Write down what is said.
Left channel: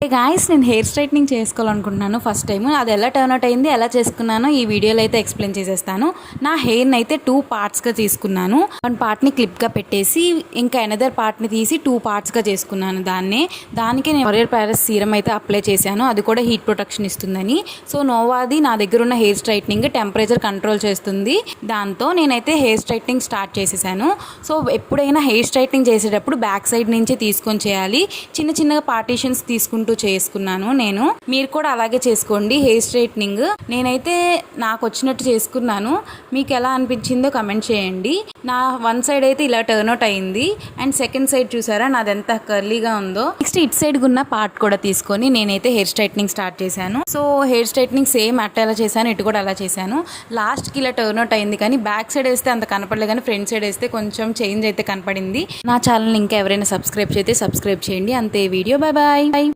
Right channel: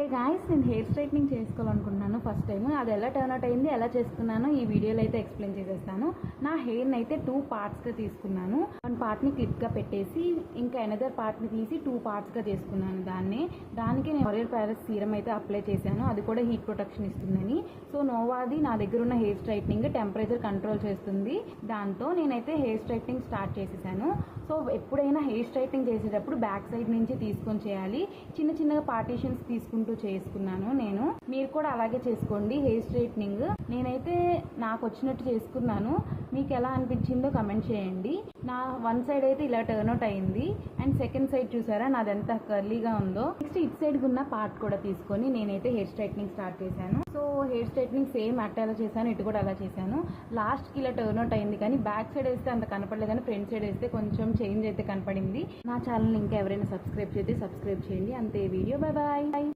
Hey guys, నేను hair straightening చేసుకోవాలనుకుంటున్నాను first time. అది ఎలా టర్న్ అవుట్ అయింది, ఎలా చేసుకున్నానో ఈ వీడియోలో అయితే ఎక్స్ప్లెయిన్ చేసేస్తాను. నా హెయిర్ని అయితే 2 పార్ట్స్గా తీసుకున్నాను. 1 పార్ట్ని క్లిప్గా పెట్టేసి ఇంకా ఎనదర్ పార్ట్ని తీసి 2 పార్ట్స్గా చేసుకున్నాను. దానికి నేను L'Oréal Paris సీరం అయితే అప్లై చేశాను. అది కూడా హీట్ ప్రొటెక్షన్ ఇస్తుందని. సో నోవాది నా దగ్గర ఉన్న హెయిర్ స్ట్రైట్నింగ్ టెంపరేచర్ కంట్రోల్ చేస్తుంది. దాంతో నేనైతే హెయిర్ స్ట్రైట్నింగ్ స్టార్ట్ చేసేసాను. సో ఎప్పుడైనా హెయిర్ స్ట్రైట్నింగ్ చేసేటప్పుడు బ్యాక్ సైడ్ నుంచి తీసుకొని చేయాలి. చిన్న చిన్నగా పార్టీషన్స్ తీసుకుంటూ చేసుకున్నాను నేను. మీరు కూడా అలాగే చేసుకోండి హెయిర్ స్ట్రైట్నింగ్. నేనైతే నాకు వచ్చినట్టు చేసుకున్నాను. మీకు ఎలా అనిపించిందో కమెంట్ చేయండి. నా 1 సైడ్ అయితే ఇలా టర్న్ అవుట్ అయింది. అండ్ సెకండ్ సైడ్ చూసారా నాది ఎంత కర్లీగా ఉందో. నెక్స్ట్ ఇట్ సైడ్ ఉన్న పార్ట్ కూడా తీసుకొని నేనైతే హెయిర్ స్ట్రైట్నింగ్ స్టార్ట్ చేశాను. సో హెయిర్ స్ట్రైట్నింగ్ సేమ్ అట్ట ఎలా చేశాను, ఇటు కూడా అలా చేశాను. లాస్ట్కి ఇలా టర్న్ అవుట్ అయింది, కానీ బ్యాక్ సైడ్ వేస్తే అంత కనపడలేదు, కానీ ఫ్రంట్ సైడ్ వేస్తే కొంచెం చేంజ్ అయితే కనపడింది. నా ఛానల్ ఇంకా ఎవరైనా సబ్స్క్రైబ్ చేస్తే సబ్స్క్రైబ్ చేయండి. అంతే వీడియో. Bye bye.